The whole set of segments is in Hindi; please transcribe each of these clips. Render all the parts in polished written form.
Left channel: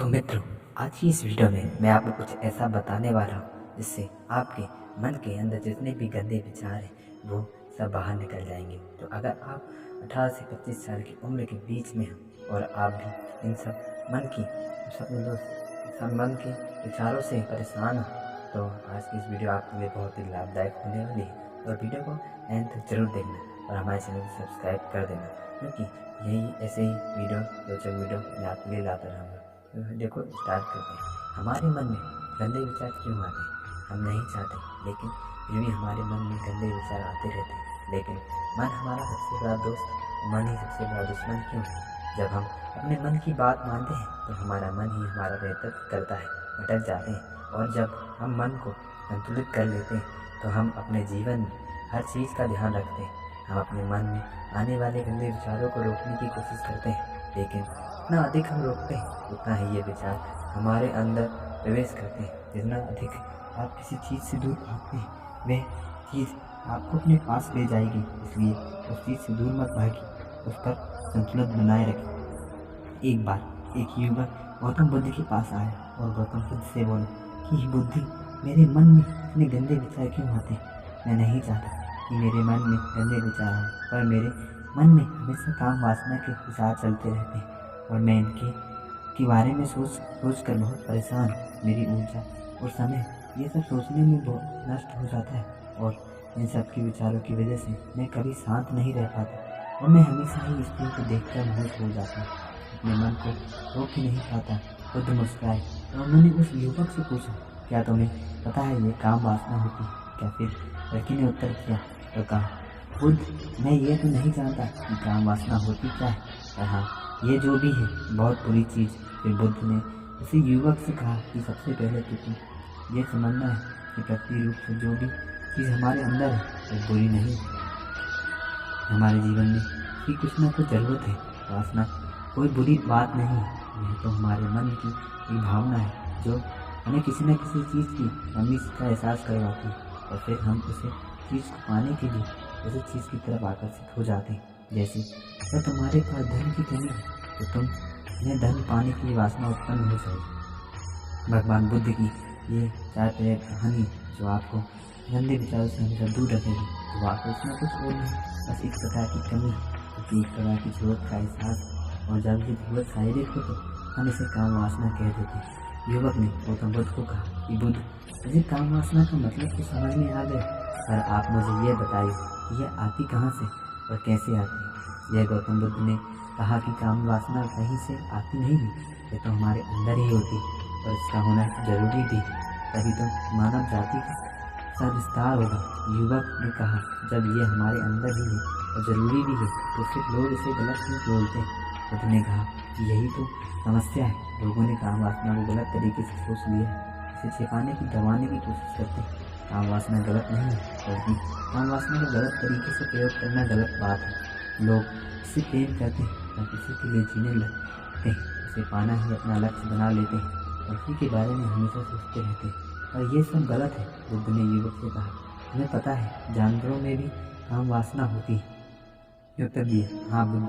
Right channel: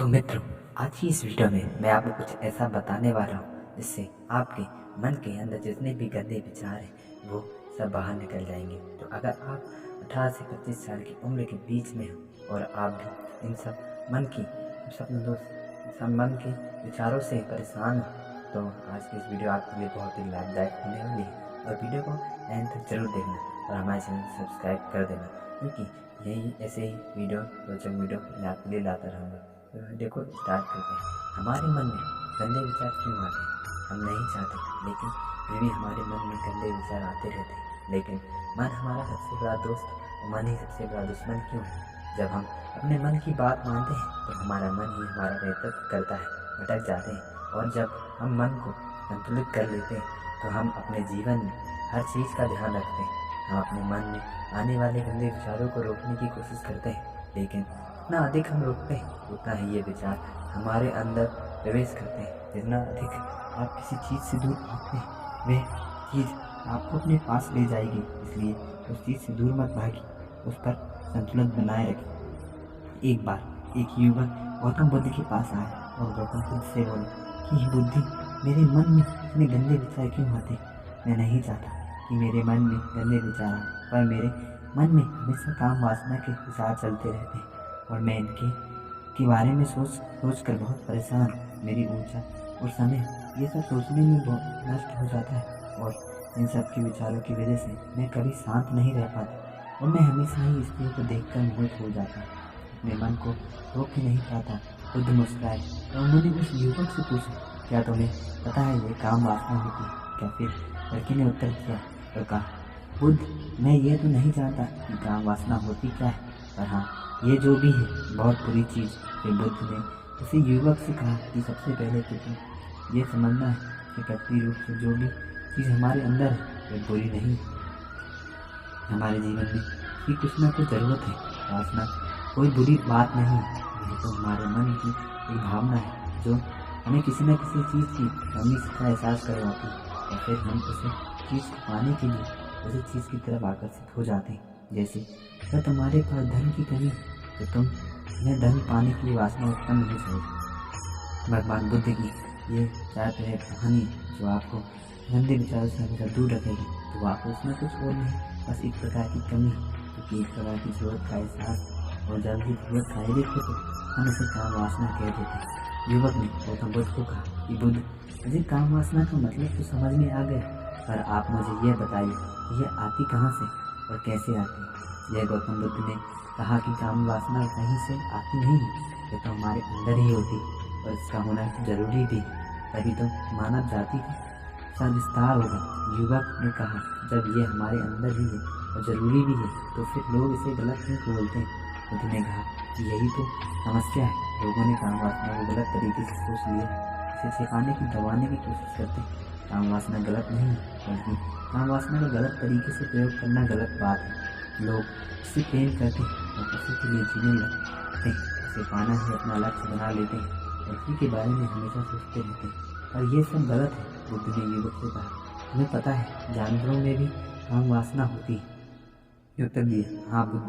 तो मित्रों, आज की इस वीडियो में मैं आपको कुछ ऐसा बताने वाला हूँ जिससे आपके मन के अंदर जितने भी गंदे विचार हैं वो सब बाहर निकल जाएंगे। तो अगर आप 18 से 25 साल की उम्र के बीच में हो और आप भी इन सब मन के विचारों से परेशान हो तो आज की इस वीडियो आपके लिए बहुत ही लाभदायक होने वाली है। और वीडियो को एंड तक जरूर देखना और हमारे चैनल को सब्सक्राइब कर देना, क्योंकि यही ऐसे ही रोचक वीडियो मैं आपके लिए लाता रहूँगा। तो देखो, स्टार्ट करते हैं। हमारे मन में गंदे विचार क्यों आते हैं? हम नहीं चाहते, लेकिन फिर भी हमारे मन में गंदे विचार आते रहते हैं। लेकिन मन हमारा सबसे बड़ा दोस्त और मन ही सबसे बड़ा दुश्मन क्यों है? जब हम अपने मन की बात मानते हैं तो हमारा मन ही हमारा नेतृत्व करता है, भटक जाते हैं। और जब हम मन को संतुलित कर लेते हैं तो हम अपने जीवन में हर चीज़ का ध्यान रखते हैं। हम अपने मन में आने वाले गंदे विचारों को रोकने की कोशिश करते हैं, लेकिन जितना अधिक हम रोकते हैं उतना ही ये विचार हमारे अंदर प्रवेश करते हैं। जितना अधिक आप किसी चीज़ से दूर भागते हैं वह चीज़ आपको अपने पास ले जाएगी। इसलिए उस चीज़ से दूर मत भागिए, उस पर संतुलन बनाए रखें। एक बार एक युवक गौतम बुद्ध के पास आया और गौतम बुद्ध से बोला कि बुद्धि, मेरे मन में इतने गंदे विचार क्यों आते? मैं नहीं चाहता कि मेरे मन में गंदे विचार आए, पर मेरे मन में हमेशा काम वासना के विचार चलते रहते हैं और मैं इनके बारे में सोच कर बहुत परेशान हूँ। मेरी ऊर्जा और समय ये सब सोचने में बहुत नष्ट हो जाता है और इन सब के विचारों की वजह से मैं कभी शांत नहीं रह पाता और मैं हमेशा ही स्त्री को देखकर मोहित हो जाता हूँ। अपने मन को रोक ही नहीं पाता। बुद्ध मुस्कुराए और उन्होंने उस युवक से पूछा, क्या तुम्हें पता है ये काम वासना होती है क्या? फिर लड़के ने उत्तर दिया और कहा, बुद्ध, मैं ये तो नहीं जानता कि काम वासना होती क्या है, पर हाँ, ये जो भी है बहुत बुरी चीज़। फिर बुद्ध ने उसी युवक से कहा कि सबसे पहले तो तुम ये समझना है कि प्रकृति रूप से जो भी चीज़ हमारे अंदर है वो बुरी नहीं है। हमारे जीवन में भी कुछ ना कुछ ज़रूरत है। वासना कोई बुरी बात नहीं है, यह तो हमारे मन की एक भावना है जो हमें किसी न किसी चीज़ की कमी का एहसास करवाती है और फिर हम उसे चीज़ को पाने के लिए उसी चीज़ की तरफ आकर्षित हो जाते हैं। जैसे अगर तुम्हारे पास धन की कमी है तो तुम्हें धन पाने की वासना उत्पन्न हो जाएगी। भगवान बुद्ध की ये 4 तरह कहानी जो आपको गंदे विचारों से हमेशा दूर रखेगी। तो वापस उसमें कुछ और नहीं, बस एक प्रकार की कमी है, क्योंकि एक प्रकार की जरूरत का एहसास, और जब ये जरूरत शारीरिक हो तो हम इसे काम वासना कह देते हैं। युवक ने गौतम बुद्ध को कहा कि बुद्ध, मुझे काम वासना का मतलब तो समझ में आ गया, पर आप मुझे यह बताइए कि यह आती कहाँ से और कैसे आती है? यह गौतम बुद्ध ने कहा कि काम वासना कहीं से आती नहीं है, यह तो हमारे अंदर ही होती है और इसका होना जरूरी भी है, तभी तो मानव जाति का विस्तार होगा। युवक ने कहा, जब यह हमारे अंदर ही है और ज़रूरी भी है तो फिर लोग इसे गलत क्यों बोलते हैं? बुद्ध ने कहा कि यही तो समस्या है, लोगों ने काम वासना को गलत तरीके से सोच लिया है, इसे छिपाने की, दबाने की कोशिश करते हैं। काम वासना गलत नहीं है, बल्कि काम वासना का गलत तरीके से प्रयोग करना गलत बात है। लोग इससे प्रेम करते हैं और किसी के लिए जीने लगते हैं, इसे पाना ही अपना लक्ष्य बना लेते हैं और उसी के बारे में हमेशा सोचते रहते हैं, और ये सब गलत है। बुद्ध ने युवक से कहा, तुम्हें पता है जानवरों में भी काम वासना होती है? उत्तर दिया, हाँ बुद्ध,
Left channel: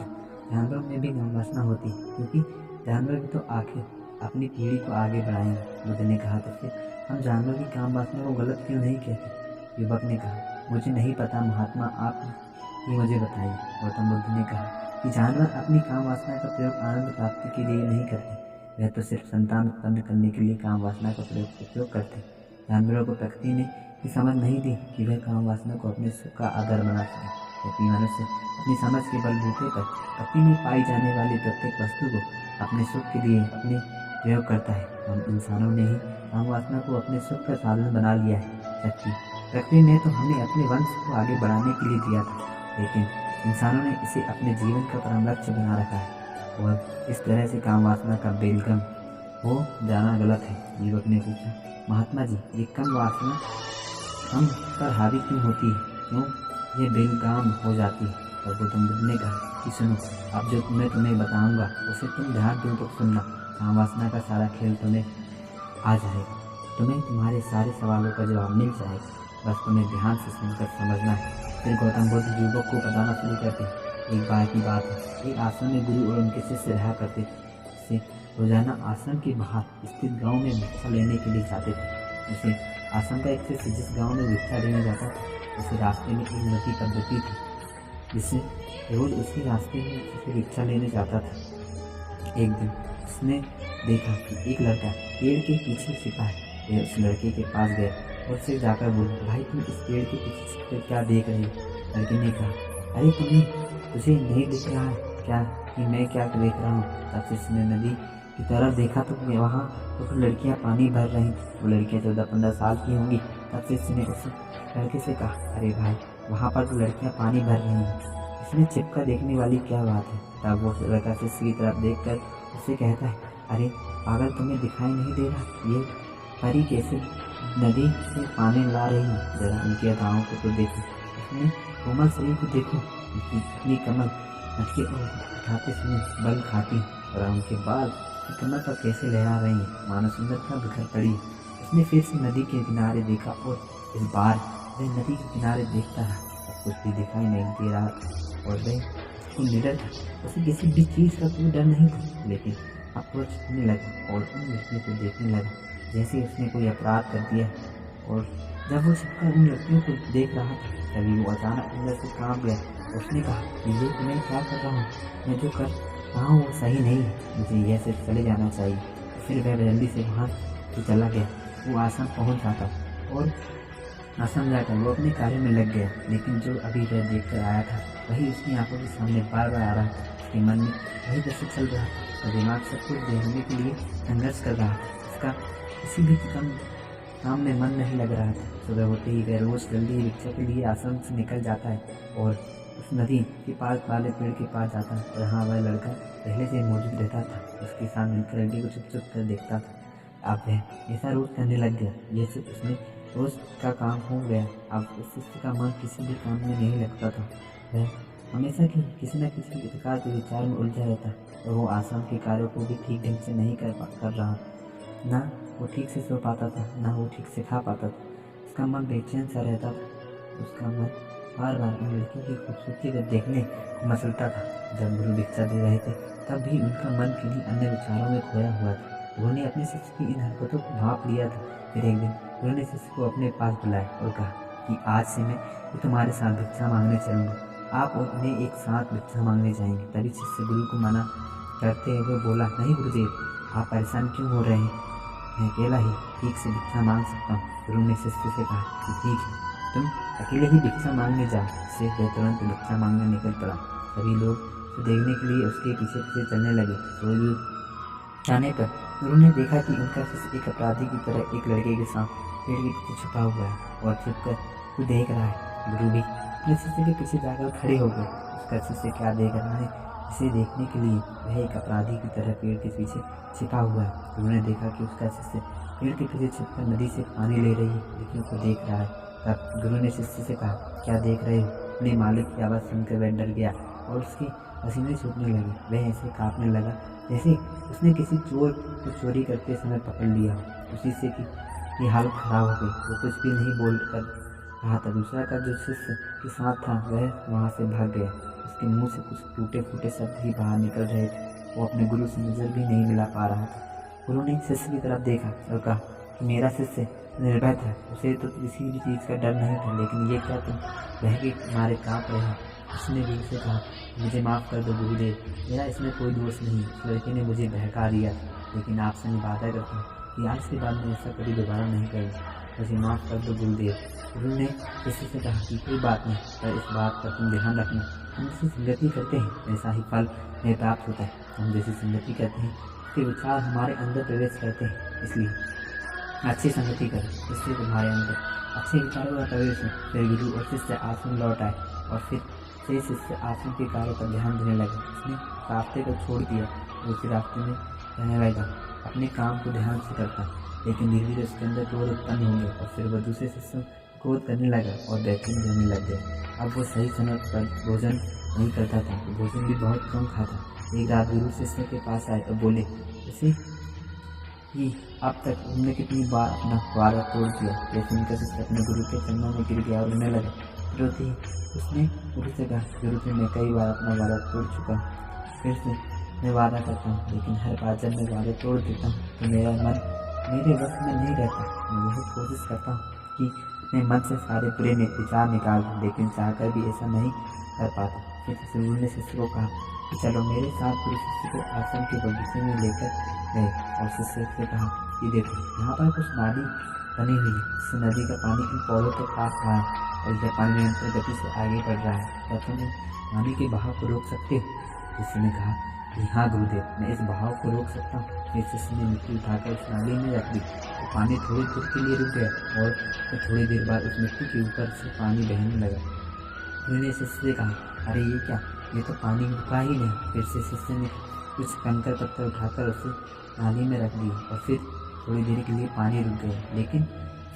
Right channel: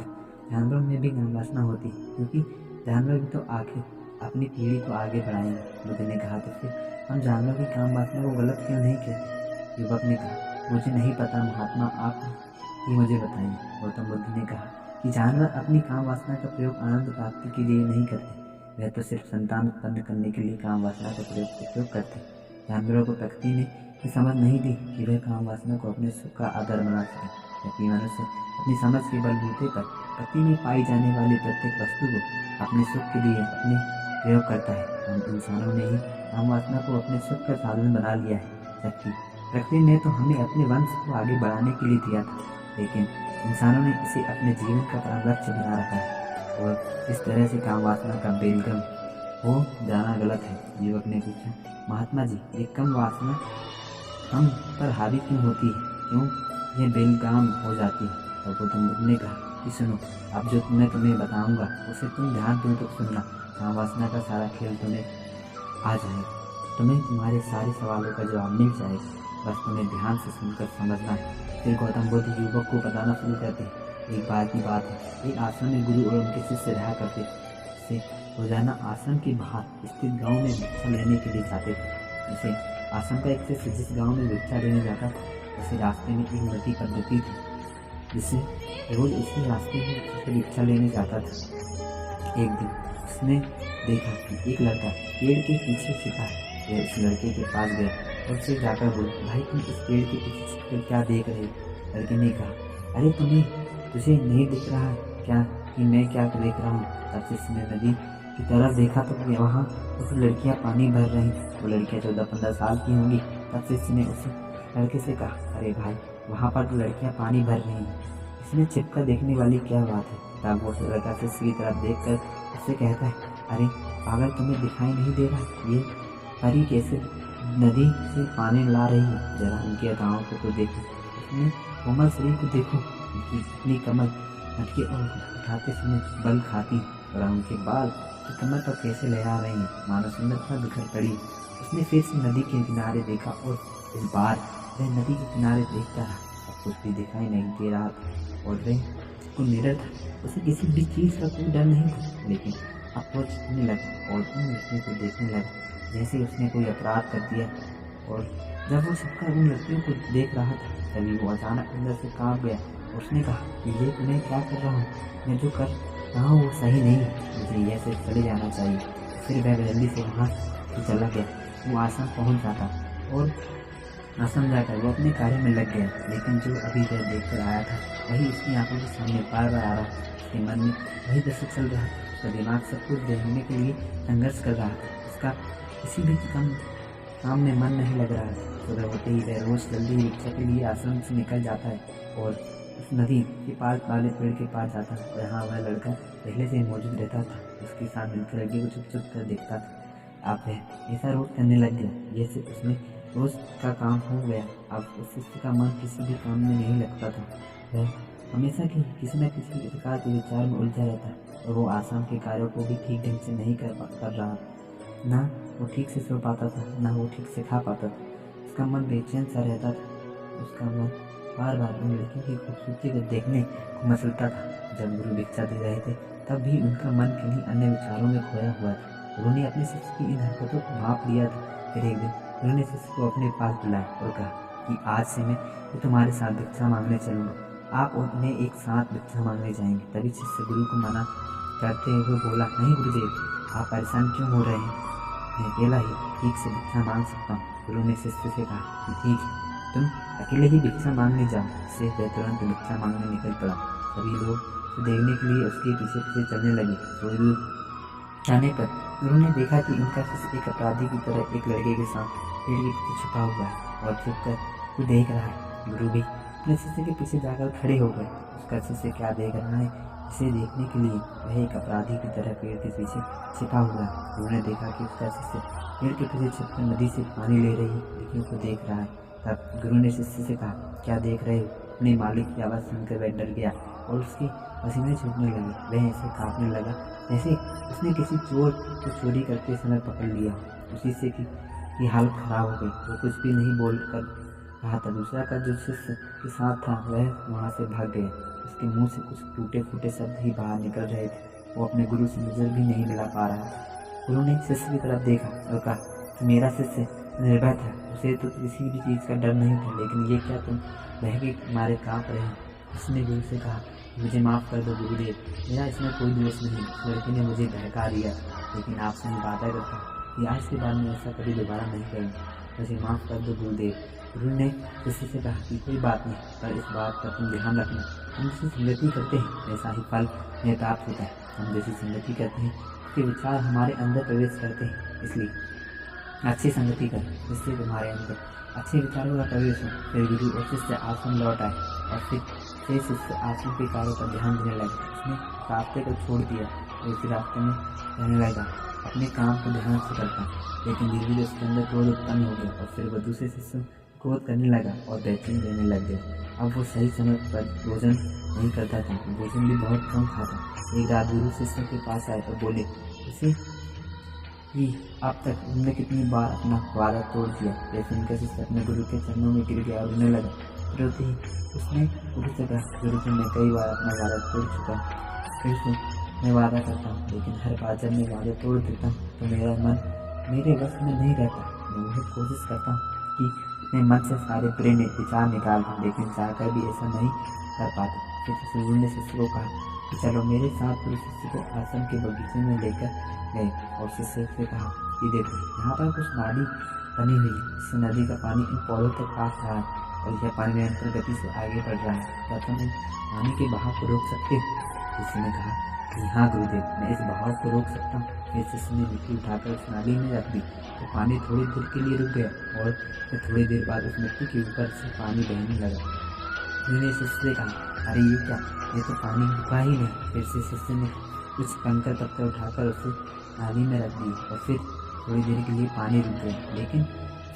जानवरों में भी काम वासना होती है, क्योंकि जानवर भी तो आखिर अपनी पीढ़ी को आगे बढ़ाएंगे। बुद्ध ने कहा, तो फिर हम जानवर की काम वासना को गलत क्यों नहीं कहते? युवक ने कहा, मुझे नहीं पता महात्मा, आप ही मुझे बताइए। गौतम बुद्ध ने कहा कि जानवर अपनी काम वासना का प्रयोग आनंद प्राप्ति के लिए नहीं करते, वह तो सिर्फ संतान उत्पन्न करने के लिए काम वासना का उपयोग करते हैं। जानवरों को प्रकृति ने ये समझ नहीं दी कि वह काम वासना को अपने सुख का आधार बना सके, जबकि मनुष्य अपनी समझ के बलबूते पर प्रकृति में पाई जाने वाली प्रत्येक वस्तु को अपने सुख के लिए अपने प्रयोग करता है। हम इंसानों ने ही काम वासना को अपने सुख का साधन बना लिया है, जबकि प्रकृति ने तो हमें अपने वंश को आगे बढ़ाने के लिए दिया था, लेकिन इंसानों ने इसे अपने जीवन का परम लक्ष्य बना रखा है और इस तरह से काम वासना का बेलगम हो जाना गलत है। युवक ने पूछा, महात्मा जी, ये कम वासना हम पर हावी क्यों होती है, क्यों ये बेलगाम हो जाती है? और गौतम बुद्ध ने कहा कि सुनो, अब जो मैं तुम्हें बताऊंगा उसे तुम ध्यानपूर्वक सुनना। काम वासना का सारा खेल तुम्हें आ जाएगा, तुम्हें तुम्हारे सारे सवालों का जवाब मिल जाएगा, बस तुम्हें ध्यान से सुनकर समझना है। फिर गौतम बुद्ध युवक को बताना शुरू करते हैं। एक बार की बात है, एक आश्रम में गुरु और उनके शिष्य रहा करते थे। उसे रोजाना आश्रम के बाहर स्थित गांव में भिक्षा लेने के लिए जाते थे। उसे आश्रम का एक शिष्य जिस गांव में भिक्षा लेने जाता था, उसे रास्ते में एक नदी पद्धति थी जिससे रोज उसी रास्ते में उसे भिक्षा लेने जाता था। एक दिन उसने देखा कि एक लड़का पेड़ के पीछे छिपा है। वह उस लड़के के पास गया और उसे जाकर बोला, भाई तुम इस पेड़ के पीछे छिपकर क्या देख रहे हो? लड़के ने कहा, अरे तुझे नहीं दिख रहा है क्या कि मैं क्या देख रहा हूँ? तब शिष्य ने नदी की तरफ देखा तो वहाँ कुछ लड़कियाँ पानी भर रही थी। वो लड़कियाँ 14-15 साल की होंगी। तब शिष्य ने उस लड़के से कहा, अरे भाई वहाँ पर तो लड़कियाँ पानी भर रही हैं, इसमें छिपकर देखने वाली क्या बात है? तब वो लड़का शिष्य की तरफ देखकर उससे कहता है, अरे पागल तुम्हें दिखाई नहीं दे रहा? ये परी कैसे नदी से पानी ला रही है? जरा उनकी अदाओं को तो देखो, अपने कोमल शरीर को देखो, उनकी इतनी कमल मटके और उठाते समय बल खाती और उनके बाल की कमर पर कैसे लहरा रही हैं, मानो सुंदरता बिखर पड़ी। उसने फिर से नदी के किनारे देखा और इस बार वह नदी के किनारे देखता रहा। अब कुछ भी दिखाई नहीं दे रहा था और वह उसको निडर था। उसे किसी भी चीज़ का कोई डर नहीं था, लेकिन अब वो छिपने लगा और उन लड़कियों को देखने लगा जैसे उसने कोई अपराध कर दिया। और जब वो छिपकर उन लड़कियों को देख रहा था तभी वो अचानक अंदर से कांप गया। उसने कहा कि ये मैं क्या कर रहा हूँ? मैं जो कर रहा हूँ वो सही नहीं है, मुझे यह से चले जाना चाहिए। फिर वह जल्दी से वहाँ से चला गया। वो आश्रम पहुँच जाता और आश्रम जाकर वो अपने कार्य में लग गया। लेकिन जो अभी वह देखकर आया था वही उसकी आंखों के सामने बार बार आ रहा था। उसके मन में वही दृश्य चल रहा था। उसका दिमाग सब कुछ देखने के लिए संघर्ष कर रहा था। उसका किसी भी काम में मन नहीं लग रहा था। सुबह होते ही वह रोज जल्दी ही भिक्षा के लिए आश्रम से निकल जाता है और उस नदी के पास वाले पेड़ के पास जाता है। और हाँ, वह लड़का पहले से मौजूद रहता था। उसके साथ मिलकर लड़की को चुप चुप कर देखता था। अब वह ऐसा रोज करने लग गया जैसे उसने रोज का काम हो गया। अब उस शिष्य का मन किसी भी काम में नहीं लगता था। वह हमेशा किसी न किसी प्रकार के विचार में उलझा रहता और वो आश्रम के कार्यों को भी ठीक ढंग से नहीं कर रहा। ना वो ठीक से सो पाता था, ना वो ठीक से खा पाता था। उसका मन बेचैन सा रहता था। उसका मन बार बार उन लड़कियों की खूबसूरती को देखने को मचलता था। जब गुरु भिक्षा दे रहे थे तब भी उनका मन किन्हीं अन्य विचारों में खोया हुआ था। उन्होंने अपने शिष्य की इन हरकतों को भांप लिया था। फिर एक दिन उन्होंने शिष्य को अपने पास बुलाया और कहा कि आज से मैं तुम्हारे साथ भिक्षा मांगने चलूँगा। आप और मैं एक साथ भिक्षा मांगने जाएंगे। तभी शिष्य गुरु को मना करते हुए बोला, नहीं गुरुदेव, आप परेशान क्यों हो रहे हैं? मैं अकेला ही ठीक से भिक्षा मांग सकता हूँ। गुरु ने शिष्य से कहा कि ठीक है, तुम अकेले ही भिक्षा मांगने जाओ। इससे वह तुरंत भिक्षा मांगने निकल पड़ा। सभी लोग उसे देखने के लिए उसके पीछे पीछे चलने लगे। थोड़ी दूर जाने पर गुरु ने देखा कि उनका शिष्य एक अपराधी की तरह एक लड़के के साथ पेड़ के पीछे छुपा हुआ है और छिपकर वो देख रहा है। गुरु भी अपने शिष्य के पीछे जाकर खड़े हो गए। उसका शिष्य क्या देख रहा है इसे देखने के लिए वह एक अपराधी की तरह पेड़ के पीछे छिपा हुआ है। गुरु ने देखा कि उसका शिष्य पेड़ के पीछे छिपकर नदी से पानी ले रही लड़कियों को देख रहा है। तब गुरु ने शिष्य से कहा, क्या देख रहे हो? अपने मालिक की आवाज़ सुनकर वह डर गया और उसके पसीने छूटने लगे। वह ऐसे कांपने लगा जैसे उसने किसी चोर को चोरी करते समय पकड़ लिया। उसी से की हालत खराब हो गई। वो कुछ भी नहीं बोल कर रहा था। दूसरा का जो शिष्य के साथ था वह वहाँ से भाग गया। उसके मुंह से कुछ टूटे फूटे शब्द ही बाहर निकल रहे थे। वो अपने गुरु से नज़र भी नहीं मिला पा रहा था। गुरु ने शिष्य की तरफ देखा और कहा कि मेरा शिष्य निर्भय था, उसे तो किसी भी चीज़ का डर नहीं था, लेकिन ये क्या तुम बह के मारे काँप रहे हो? उसने गुरु से कहा, मुझे माफ़ कर दो गुरुदेव, मेरा इसमें कोई दोष नहीं। उस लड़के ने मुझे बहका दिया था, लेकिन आपसे मैं वादा करता हूँ कि आज के बाद मैं ऐसा कभी दोबारा नहीं करूँगा। मुझे माफ़ कर दो गुरुदेव। गुरु ने शिष्य से कहा कि कोई बात नहीं, पर इस बात पर तुम ध्यान रखना, हम जैसी संगति करते हैं वैसा ही फल हमें प्राप्त होता है। हम जैसी संगति करते हैं उसके विचार हमारे अंदर प्रवेश करते हैं। इसलिए अच्छी संगति करें जिससे तुम्हारे अंदर अच्छे विचारों का प्रवेश हो। फिर गुरु और शिष्य आश्रम लौट आए और फिर से शिष्य आश्रम के कार्य पर ध्यान देने लगे। उसने रास्ते को छोड़ दिया और उसी रास्ते में रहने लगा। अपने काम को ध्यान से करता, लेकिन धीरे धीरे उसके अंदर क्रोध उत्पन्न हो गया और फिर वह दूसरे शिष्यों क्रोध करने लगा और बेचैन रहने लग गया। अब वो सही समय पर भोजन नहीं करता था, भोजन भी बहुत कम खाता। एक रात गुरु शिष्य के पास आए और बोले उसे कि अब तक हमने कितनी बार अपना वादा तोड़ दिया। यह सुनकर शिष्य अपने गुरु के चरणों में गिर गया और रोने लगा। रोते ही उसने गुरु से कहा, गुरु जी मैं कई बार अपना वादा तोड़ चुका हूँ, फिर से मैं वादा करता हूँ, लेकिन हर बार जब मैं वादा तोड़ देता हूँ तो मेरा मन मेरे बस में नहीं रहता। मैं बहुत कोशिश करता हूँ कि अपने मन से सारे बुरे विचार निकाल दूँ, लेकिन चाहकर भी ऐसा नहीं कर पाता। फिर गुरु ने शिष्य को कहा कि चलो मेरे साथ। गुरु शिष्य को आश्रम के बगीचे में लेकर गए और शिष्य से कहा कि देखो, यहाँ पर कुछ नाली बनी हुई है, इससे नदी का पानी इन पौधों तक आ रहा है और यह पानी निरंतर गति से आगे बढ़ रहा है। क्या तुम इस पानी के बहाव को रोक सकते हो? शिष्य ने कहा कि हाँ गुरुदेव, मैं इस बहाव को रोक सकता हूँ। फिर शिष्य ने मिट्टी उठाकर उस नाली में रख दी तो पानी थोड़ी देर के लिए रुक गया और फिर थोड़ी देर बाद उस मिट्टी के ऊपर से पानी बहने लगा। गुरु ने शिष्य से कहा, अरे ये क्या, ये तो पानी रुका ही नहीं। फिर से शिष्य ने कुछ कंकड़ पत्थर उठाकर उसे नाली में रख दिए और फिर थोड़ी देर के लिए पानी रुक गया, लेकिन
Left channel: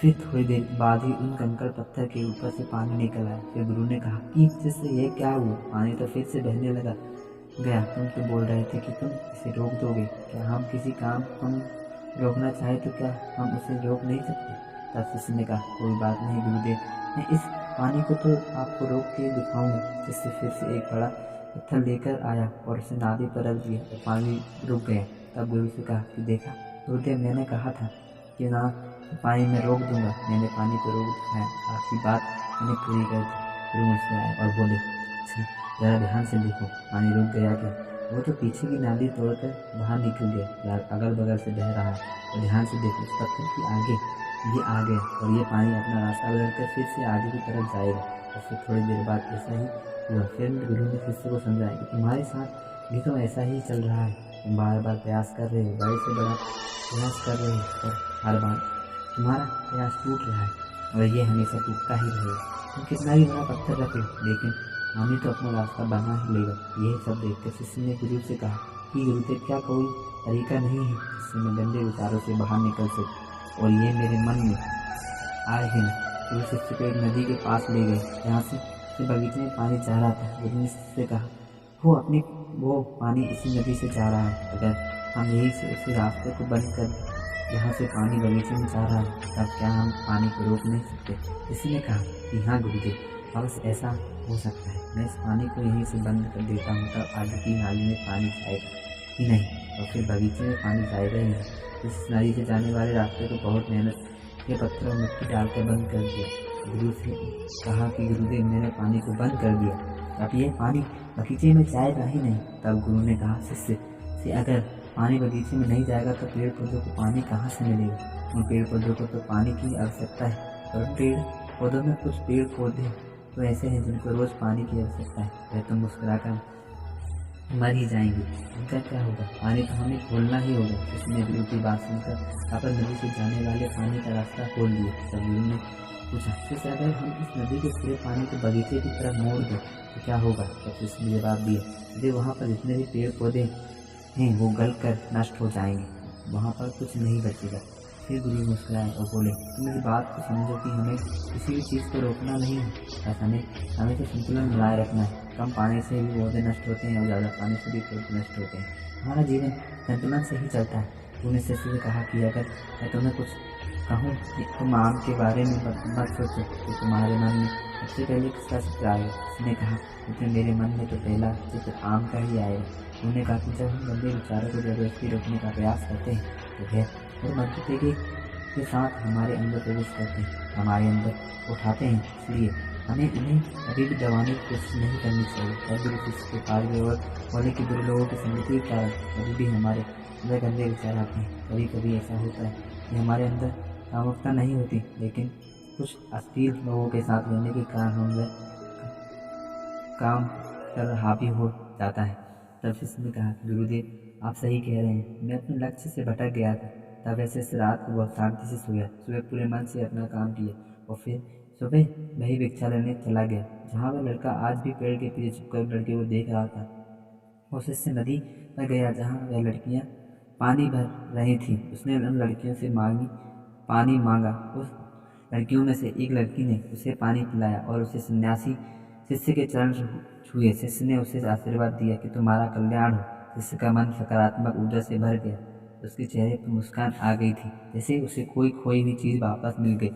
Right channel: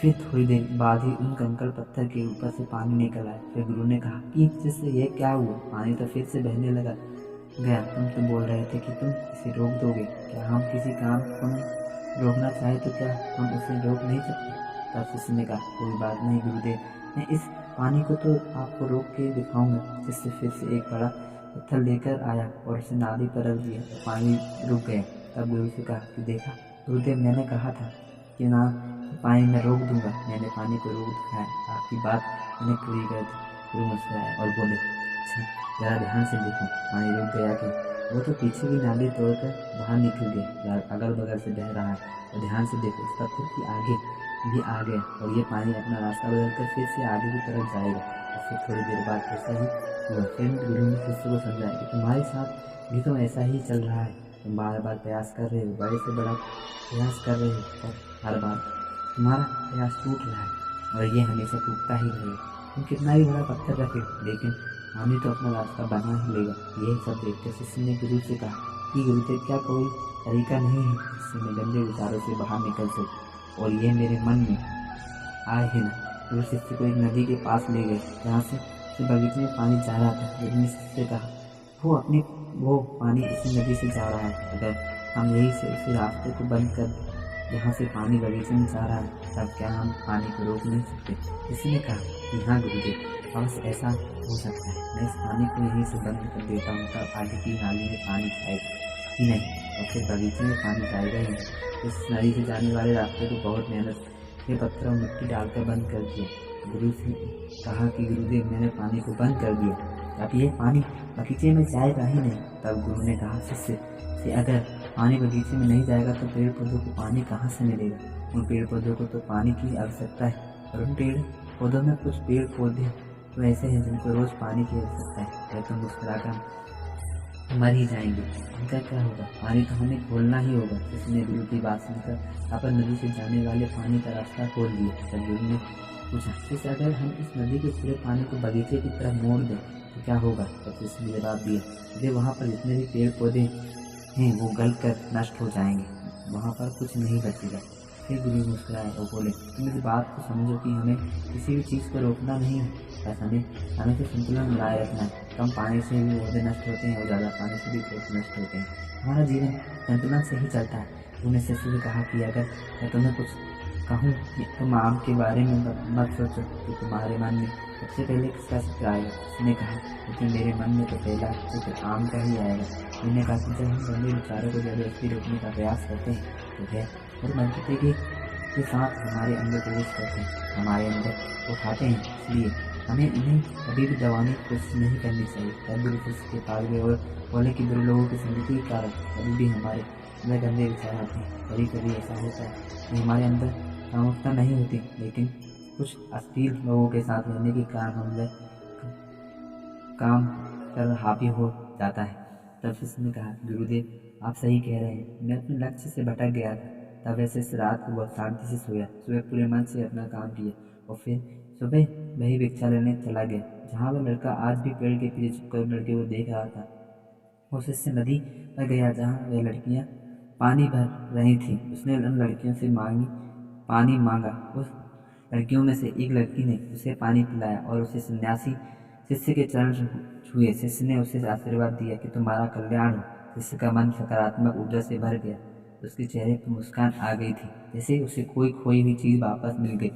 फिर थोड़ी देर बाद ही उन कंकड़ पत्थर के ऊपर से पानी निकल आया। फिर गुरु ने कहा कि शिष्य, ये क्या हुआ? पानी तो फिर से बहने लगा गया। तुम तो बोल रहे थे कि तुम इसे रोक दोगे। क्या हम किसी काम को रोकना चाहे तो क्या हम उसे रोक नहीं सकते? तब शिष्य ने कहा, कोई बात नहीं गुरुदेव, मैं इस पानी को तो आपको रोक के दिखाऊंगा। शिष्य फिर से एक बड़ा पत्थर लेकर आया और उसे नाली पर रख दिया और पानी रुक गया। तब गुरु से कहा कि देखा गुरुदेव, मैंने कहा था कि ना पानी में रोक दूंगा। मैंने पानी को रोक दिखाया, आपकी बात मैंने पूरी कर दी। गुरु मुस्कुराए और बोले, अच्छा ज़रा ध्यान से देखो, पानी रुक गया क्या? वो तो पीछे की नाली तोड़कर बाहर निकल गया, अगल बगल से बह रहा है। और ध्यान से देखो, उस पत्थर की आगे भी आ गया और ये पानी अपना रास्ता बदलकर फिर से आगे की तरफ जाएगा। और फिर थोड़ी देर बाद ऐसा ही हुआ। फिर गुरु ने शिष्य को समझाया कि तुम्हारे साथ भी तो ऐसा ही चल रहा है। तुम बार बार प्रयास कर रहे हो, बड़े से बड़ा प्रयास कर रहे हो और हर बार तुम्हारा प्रयास टूट रहा है और ये हमेशा टूटता ही रहेगा। तुम कितना भी बड़ा पत्थर रख लो, लेकिन पानी तो अपना रास्ता बना ही लेगा। यह सब देखकर शिष्य ने गुरु से कहा कि गुरुदेव, क्या कोई तरीका नहीं है जिससे मैं गंदे विचारों से बाहर निकल सकूं और ये मेरे मन में आए ही ना? गुरु शिष्य को एक नदी के पास ले गए जहाँ से बगीचे में पानी जा रहा था। गुरु ने शिष्य से कहा, वो पानी इसी नदी से जा रहा है। अगर हम यहीं से उसी रास्ते को बंद कर दें जहाँ से पानी बगीचे में जा रहा है, तब क्या हम पानी को रोक नहीं सकते? शिष्य ने कहा कि हाँ गुरुदेव, अवश्य ऐसा हो सकता है। मैं इस पानी को यहीं से बंद कर देता हूँ, तब आगे की नाली में पानी जाएगा ही नहीं और फिर बगीचे में पानी जाएगा ही नहीं। इस नदी से जाने वाले रास्ते को बहुत मेहनत के पत्थर और मिट्टी डालकर बंद कर दिया। गुरु से कहा कि गुरुदेव, मैंने पानी को बंद कर दिया, अब ये पानी बगीचे में जाएगा ही नहीं। तब गुरु ने कहा शिष्य से, अगर पानी बगीचे में नहीं जाएगा तो पेड़ पौधों को पानी कहाँ से मिलेगा? उन पेड़ पौधों को तो पानी की आवश्यकता है, और उन पेड़ पौधों में कुछ पेड़ पौधे तो ऐसे हैं जिनको रोज़ पानी की आवश्यकता है। वह तो मुस्कुराकर मर ही जाएंगे, उनका क्या होगा? पानी तो हमें खोलना ही होगा। शिष्य ने गुरु की बात सुनकर अपर नदी से जाने वाले पानी का रास्ता खोल दिया। तब गुरु ने पूछा, शिष्य, अगर हम इस नदी के पूरे पानी को बगीचे की तरफ मोड़ दें तो क्या होगा? तब शिष्य ने जवाब दिया, यदि वहाँ पर जितने भी पेड़ पौधे हैं वो गल कर नष्ट हो जाएंगे, वहाँ पर कुछ नहीं बचेगा। फिर गुरु मुस्कुराए और बोले, तुम इस बात को समझो कि हमें किसी भी चीज़ को रोकना नहीं है, बस हमें हमेशा संतुलन बनाए रखना है। कम पानी से भी पौधे नष्ट होते हैं और ज़्यादा पानी से भी पौधे नष्ट होते हैं। हमारा जीवन संतुलन से ही चलता है। उन्होंने शिष्य से कहा कि अगर मैं तुम्हें कुछ कहूँ कि तुम आम के बारे में मत सोचो तो तुम्हारे मन में सबसे पहले किसका चित्र आएगा? उसने कहा, लेकिन मेरे मन में तो पहला चित्र आम का ही आएगा। उन्होंने कहा कि जब हम गंदे विचारों को जबरदस्ती रोकने का प्रयास करते हैं तो वह और मजबूती के साथ हमारे अंदर प्रवेश करते हैं, हमारे अंदर उठाते हैं। इसलिए हमें इन्हें कभी भी दबाने की कोशिश नहीं करनी चाहिए। हर गुरु शिष्य के पास गए और बोले कि बुरे लोगों की संगति के कारण कभी भी हमारे अंदर गंदे विचार आते हैं। कभी कभी ऐसा होता है कि हमारे अंदर कामुकता नहीं होती, लेकिन कुछ अश्लील लोगों के साथ रहने के कारण हम वह काम कर हावी हो जाता है। तब शिष्य ने कहा, गुरुदेव आप सही कह रहे हैं, मैं अपने लक्ष्य से भटक गया था। तब वैसे इस रात को बहुत शांति से सोया, सुबह पूरे मन से अपना काम किया और फिर सुबह वही भिक्षा लेने चला गया जहाँ वह लड़का आज भी पेड़ के पीछे छुपकर लड़के को देख रहा था। वो शिष्य नदी पर गया जहाँ वह लड़कियाँ पानी भर रही थीं। उसने उन लड़कियों से पानी मांगा। उस लड़कियों में से एक लड़की ने उसे पानी पिलाया और उसे सन्यासी शिष्य के चरण छुए। शिष्य ने उसे आशीर्वाद दिया कि तुम्हारा कल्याण हो। शिष्य का मन सकारात्मक ऊर्जा से भर गया, उसके चेहरे पर मुस्कान आ गई थी, जैसे उसे कोई खोई हुई चीज़ वापस मिल गई।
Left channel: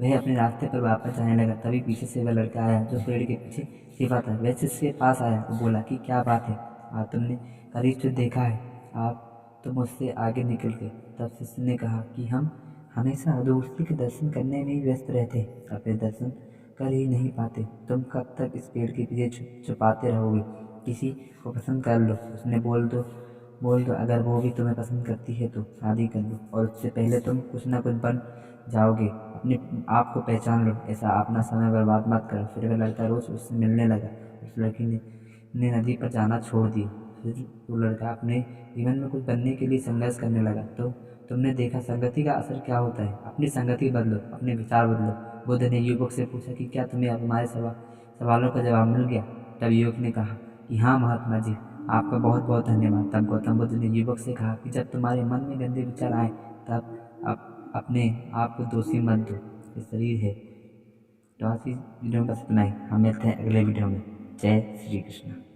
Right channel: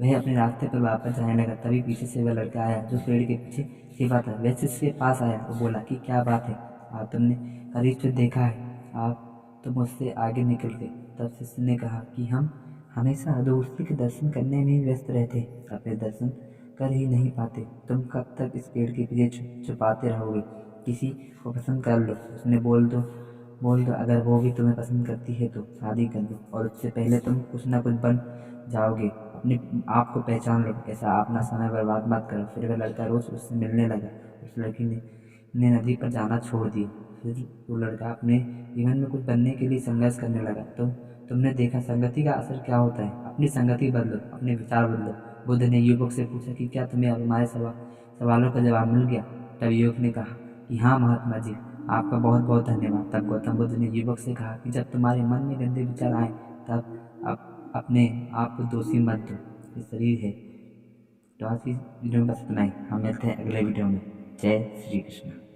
वह अपने रास्ते पर वापस जाने लगा। तभी पीछे से वह लड़का आया जो पेड़ के पीछे छिपा था। वह शिष्य के पास आया और बोला कि क्या बात है, आज तुमने करीब से देखा है, आप तो मुझसे आगे निकल गए। तब शिष्य ने कहा कि हम हमेशा दूसरे के दर्शन करने में ही व्यस्त रहते, अपने दर्शन कर ही नहीं पाते। तुम कब तक इस पेड़ के पीछे छुपाते रहोगे? किसी को पसंद कर लो, उसने बोल दो अगर वो भी तुम्हें पसंद करती है तो शादी कर लो, और उससे पहले तुम कुछ ना कुछ बन जाओगे। अपने आप को पहचान लो, ऐसा अपना समय बर्बाद मत करो। फिर वह लड़का रोज उससे मिलने लगा। उस लड़की ने नदी पर जाना छोड़ दिया। फिर वो लड़का अपने जीवन में कुछ बनने के लिए संघर्ष करने लगा। तो तुमने देखा संगति का असर क्या होता है। अपनी संगति बदलो, अपने विचार बदलो। बुद्ध ने युवक से पूछा कि क्या तुम्हें अब हमारे सवालों का जवाब मिल गया? तब युवक ने कहा कि हाँ महात्मा जी, आपका बहुत बहुत धन्यवाद। तब गौतम बुद्ध ने युवक से कहा कि जब तुम्हारे मन में गंदे विचार आए तब अपने आप को दोषी मत दो, ये शरीर है। तो आज की वीडियो में बस इतना ही। हम मिलते हैं अगले वीडियो में। जय श्री कृष्ण।